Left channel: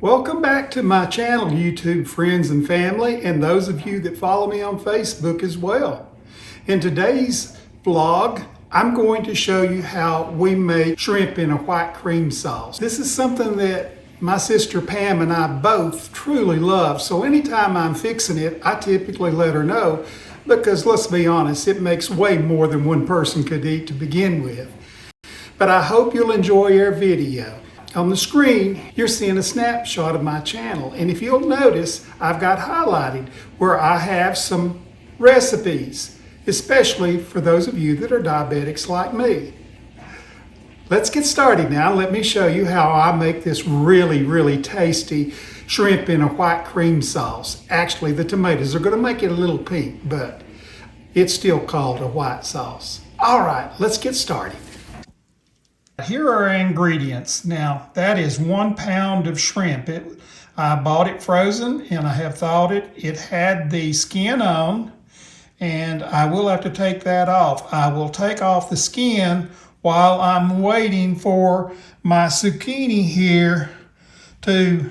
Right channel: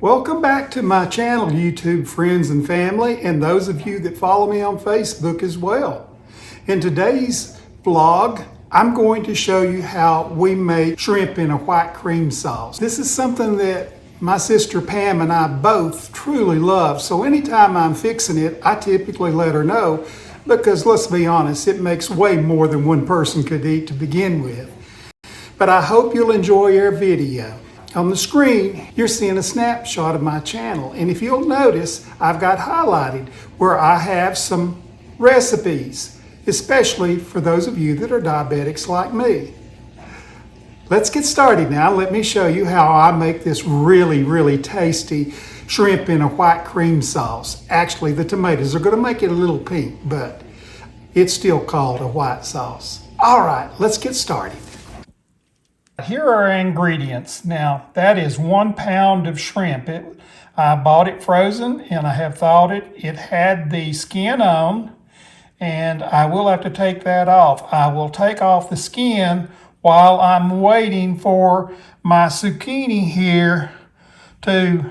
Welcome back to my channel, YouTube friends and family, and those of you that follow me on Facebook as well. In today's vlog, I'm going to show you how we make shrimp in a white cream sauce. This is something that my sister Pam and I both truly love, so anytime I'm fixing it, I typically let her know because let's be honest, it makes way more than one person could eat to begin with. But I hope you'll enjoy our video. On the screen, you're seeing a snapshot of my channel, and if you'll notice, I've got highlighted where I have some recipes, especially for those of you that are diabetics like me. Let's get started now. Let me show you how I make this really tasty shrimp in a white cream sauce. Actually, the tomatoes are going to make it a little pink, but it's still called a white sauce. All right, let's get started. Here are our ingredients. Now, that is 1 pound of shrimp. I bought it frozen and I have thawed it. It had the skin on, and I will have to take that off. I will take off the skin while I'm waiting for my zucchini here to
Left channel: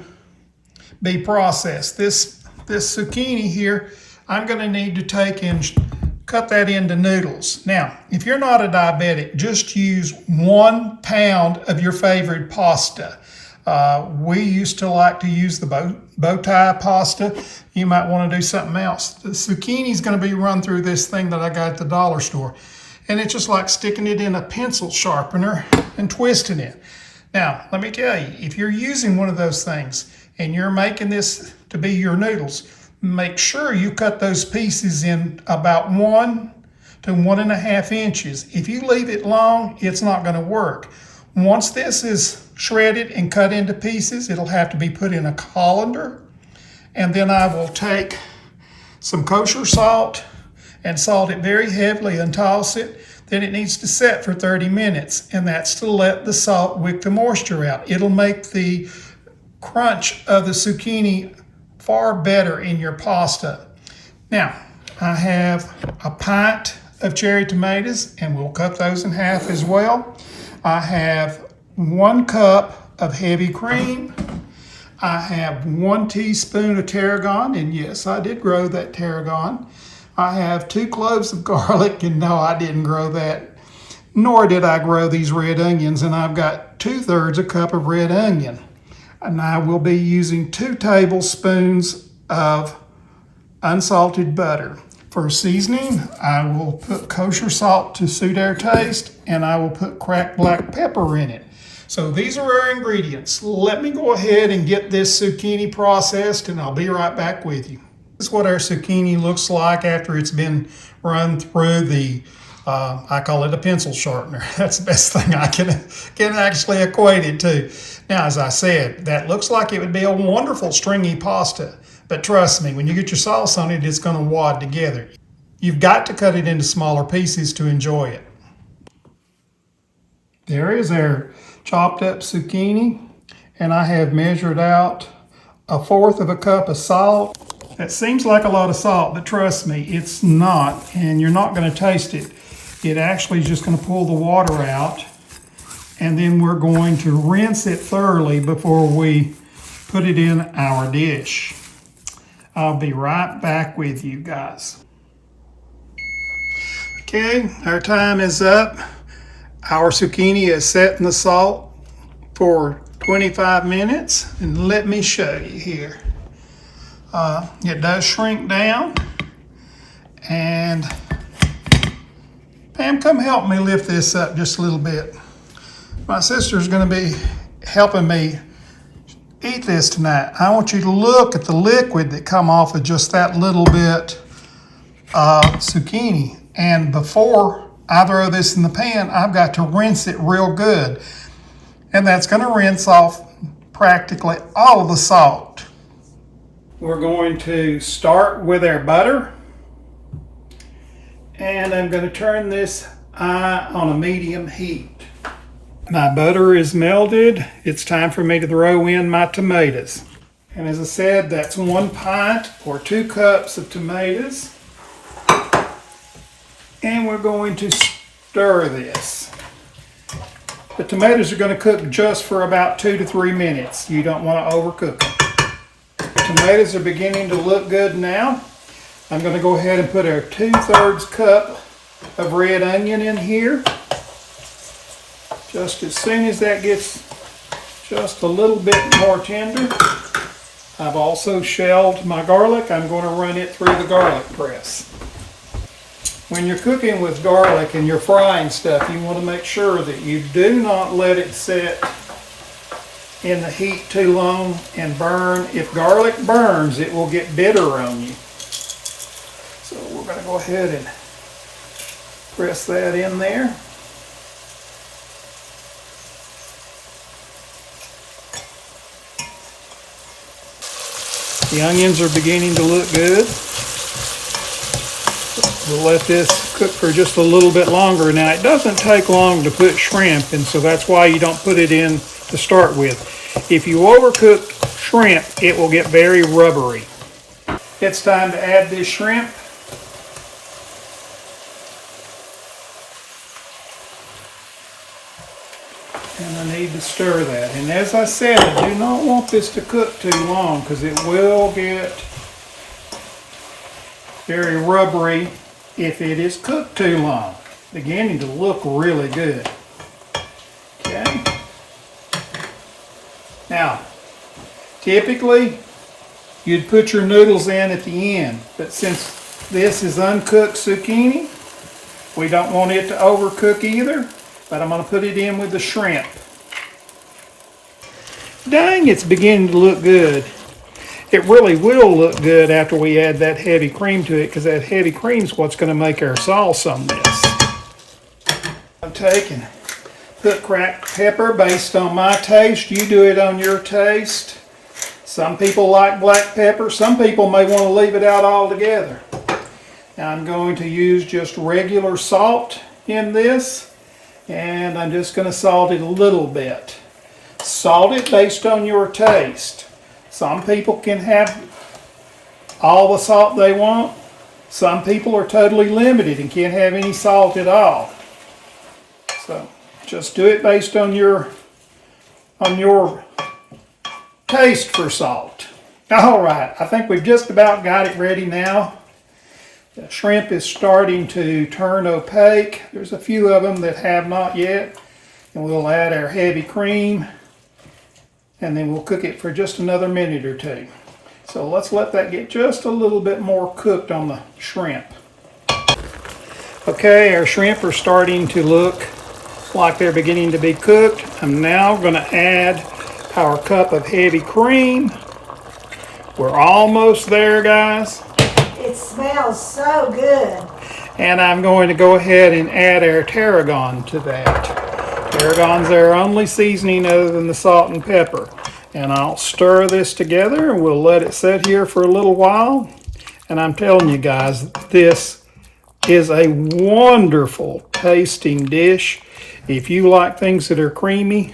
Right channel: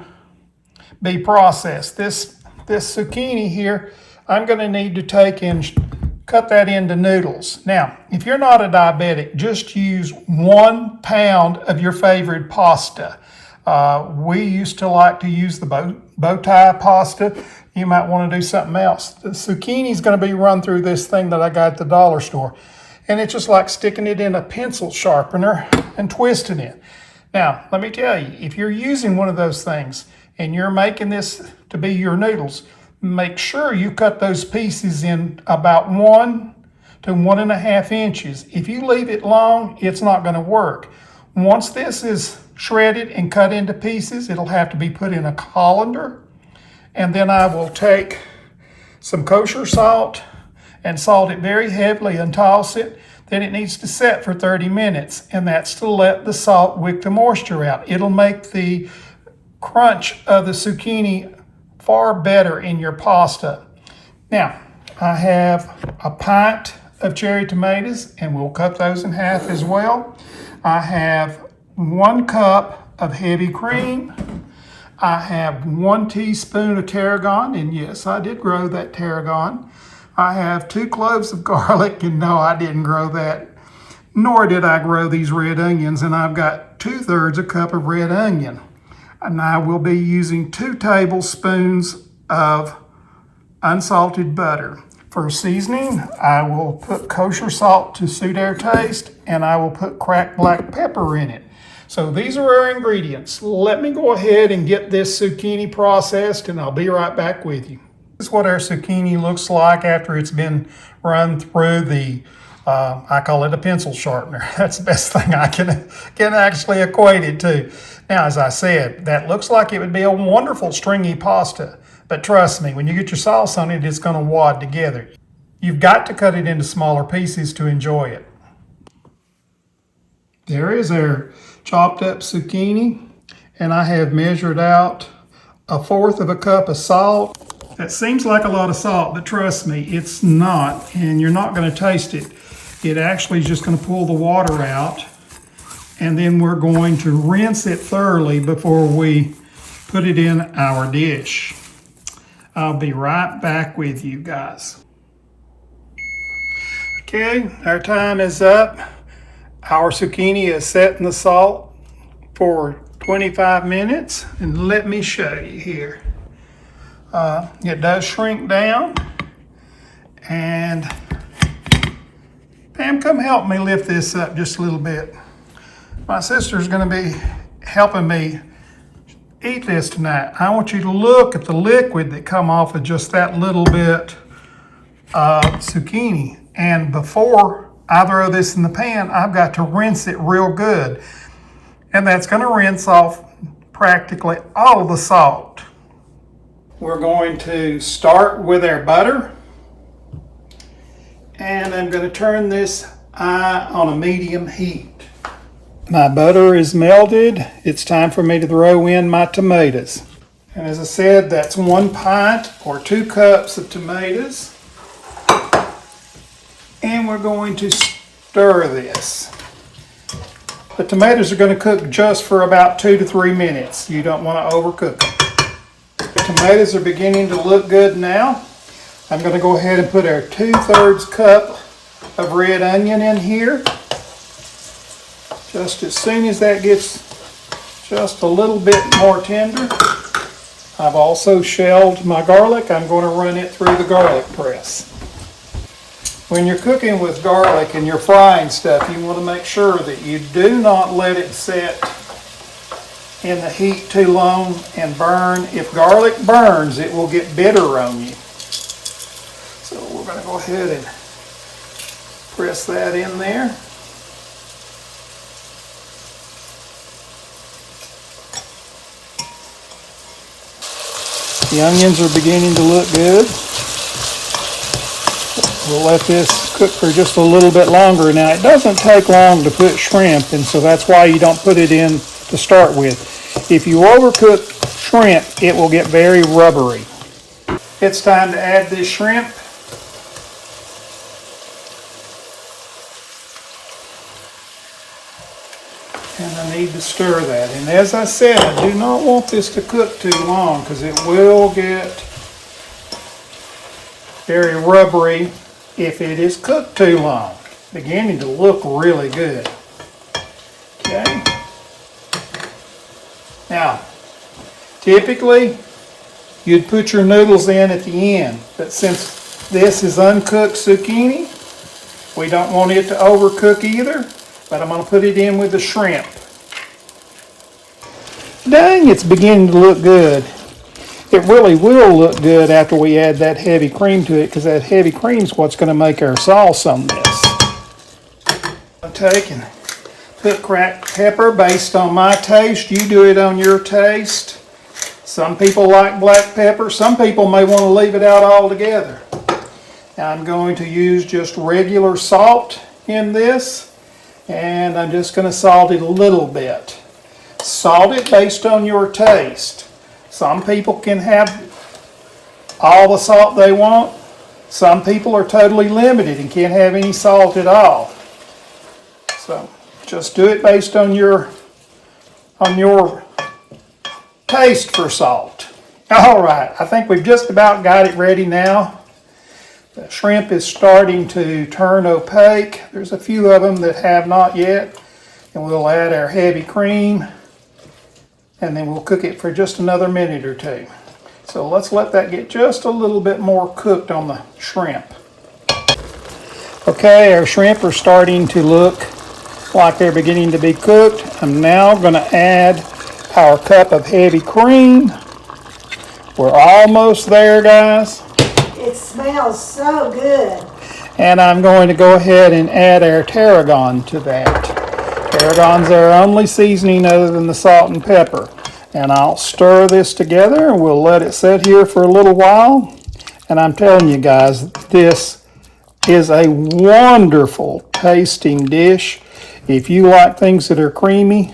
be processed. This zucchini here, I'm going to need to take and cut that into noodles. Now, if you're not a diabetic, just use 1 pound of your favorite pasta. We used to like to use the bow tie pasta. You might want to do something else. The zucchini is going to be run through this thing that I got at the dollar store. And it's just like sticking it in a pencil sharpener and twisting it. Now, let me tell you, if you're using one of those things and you're making this to be your noodles, make sure you cut those pieces in about 1 to 1.5 inches. If you leave it long, it's not going to work. Once this is shredded and cut into pieces, it'll have to be put in a colander. And then I will take some kosher salt and salt it very heavily and toss it. Then it needs to set for 30 minutes, and that's to let the salt wick the moisture out. It'll make the crunch of the zucchini far better in your pasta. Now, I have a pint of cherry tomatoes, and we'll cut those in half as well. I have 1 cup of heavy cream. I have 1 teaspoon of tarragon, and yes, I did grow that tarragon. I have 2 cloves of garlic, and no, I didn't grow that, nor did I grow these red onions, and I've got 2/3 a cup of red onion. And I will be using 2 tablespoons of unsalted butter. For seasoning, I will put kosher salt to suit our taste, and I will put cracked black pepper in it. So these are our ingredients. Let me go ahead and get this zucchini processed, and I'll be right back with you. This is what our zucchini looks like after it's been run through the I call it a pencil sharpener. That's the best thing I can actually equate it to. Now, as I said, that looks like it would be a wonderful stringy pasta. But trust me, when you get your sauce on it, it's going to wad together. You've got to cut it into smaller pieces to enjoy it. There is our chopped up zucchini. And I have measured out 1/4 cup of salt. That seems like a lot of salt, but trust me, it's not. And you're not going to taste it. It actually is just going to pull the water out, and then we're going to rinse it thoroughly before we put it in our dish. I'll be right back with you guys. Okay, our time is up. Our zucchini is set in the salt for 25 minutes, and let me show you here. It does shrink down, and Pam, come help me lift this up just a little bit. My sister's going to be helping me eat this tonight. I want you to look at the liquid that come off of just that little bit of zucchini. And before I throw this in the pan, I've got to rinse it real good. And that's going to rinse off practically all of the salt. We're going to start with our butter. And I'm going to turn this on a medium heat. My butter is melted. It's time for me to throw in my tomatoes. And as I said, that's 1 pint or 2 cups of tomatoes. And we're going to stir this. The tomatoes are going to cook just for about 2 to 3 minutes. You don't want to overcook them. The tomatoes are beginning to look good now. I'm going to go ahead and put our 2/3 cup of red onion in here. Just as soon as that gets just a little bit more tender, I've also shelled my garlic. I'm going to run it through the garlic press. When you're cooking with garlic and you're frying stuff, you want to make sure that you do not let it sit in the heat too long and burn. If garlic burns, it will get bitter on you. So we're going to go ahead and press that in there. The onions are beginning to look good. We'll let this cook for just a little bit longer. Now, it doesn't take long to put shrimp, and so that's why you don't put it in to start with. If you overcook shrimp, it will get very rubbery. It's time to add this shrimp. And I need to stir that. And as I said, I do not want this to cook too long because it will get very rubbery if it is cooked too long. Beginning to look really good. Okay. Now, typically, you'd put your noodles in at the end. But since this is uncooked zucchini, we don't want it to overcook either. But I'm going to put it in with the shrimp. Dang, it's beginning to look good. It really will look good after we add that heavy cream to it, because that heavy cream is what's going to make our sauce on this. I'm taking put cracked pepper based on my taste. You do it on your taste. Some people like black pepper. Some people may want to leave it out altogether. Now I'm going to use just regular salt in this. And I'm just going to salt it a little bit. Salt it based on your taste. Some people can have all the salt they want. Some people are totally limited and can't have any salt at all. So just do it based on your taste for salt. All right, I think we've just about got it ready now. The shrimp is starting to turn opaque. There's a few of them that have not yet. And we'll add our heavy cream. And then we'll cook it for just another minute or two. So let's let that get just a little bit more cooked on the shrimp. Okay, our shrimp are starting to look like they're beginning to be cooked. I'm now going to add our cup of heavy cream. We're almost there, guys. It smells so good. And I'm going to go ahead and add our tarragon to that. Tarragon's our only seasoning other than the salt and pepper. And I'll stir this together and we'll let it sit here for a little while. And I'm telling you guys, this is a wonderful tasting dish. If you like things that are creamy,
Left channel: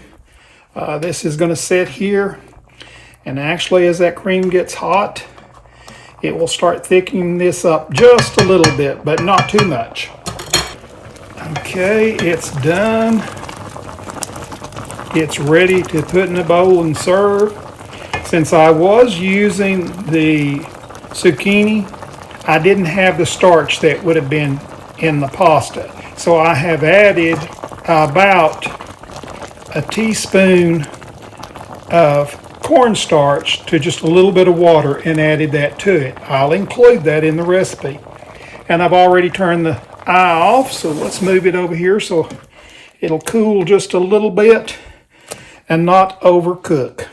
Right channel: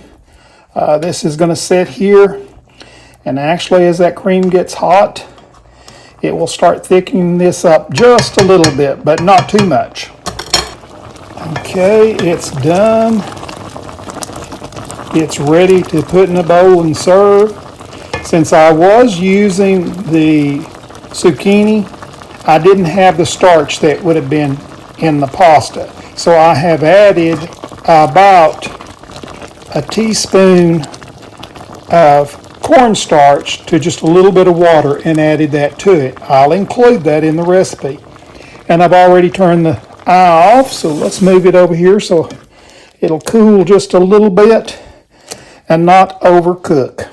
this is going to sit here. And actually, as that cream gets hot, it will start thickening this up just a little bit, but not too much. Okay, it's done. It's ready to put in a bowl and serve. Since I was using the zucchini, I didn't have the starch that would have been in the pasta. So I have added about a teaspoon of cornstarch to just a little bit of water and added that to it. I'll include that in the recipe. And I've already turned the eye off, so let's move it over here so it'll cool just a little bit and not overcook.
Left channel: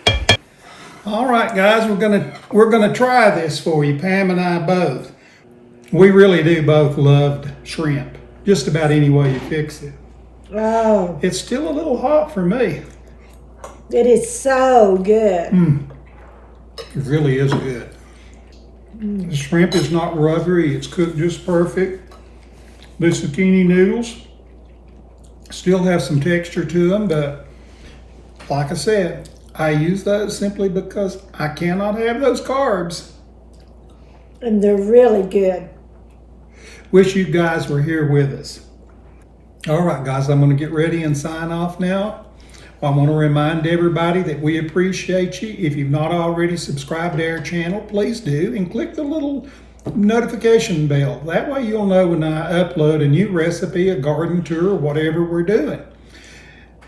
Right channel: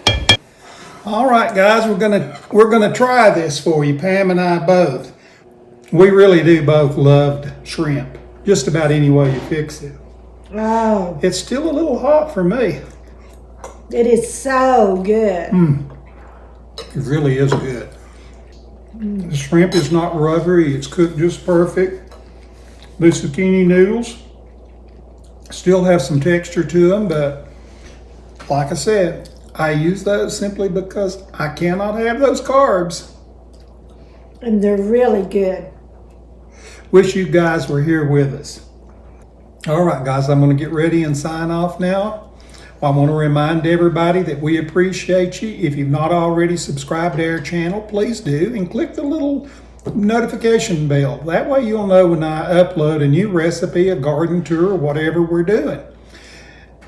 All right, guys, we're gonna try this for you, Pam and I both. We really do both love shrimp, just about any way you fix it. Oh, It's still a little hot for me. it is so good. It really is good. The shrimp is not rubbery. It's cooked just perfect. The zucchini noodles still have some texture to them, but like I said, I use those simply because I cannot have those carbs. And they're really good. Wish you guys were here with us. All right, guys, I'm going to get ready and sign off now. I want to remind everybody that we appreciate you. If you've not already subscribed to our channel, please do, and click the little notification bell. That way you'll know when I upload a new recipe, a garden tour, or whatever we're doing.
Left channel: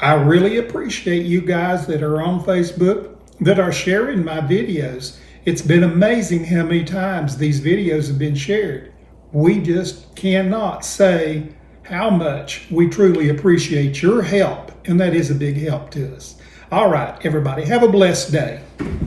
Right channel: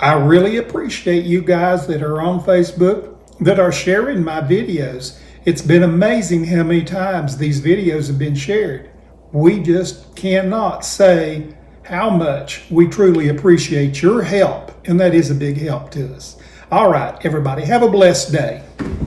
I really appreciate you guys that are on Facebook that are sharing my videos. It's been amazing how many times these videos have been shared. We just cannot say how much we truly appreciate your help, and that is a big help to us. All right, everybody, have a blessed day.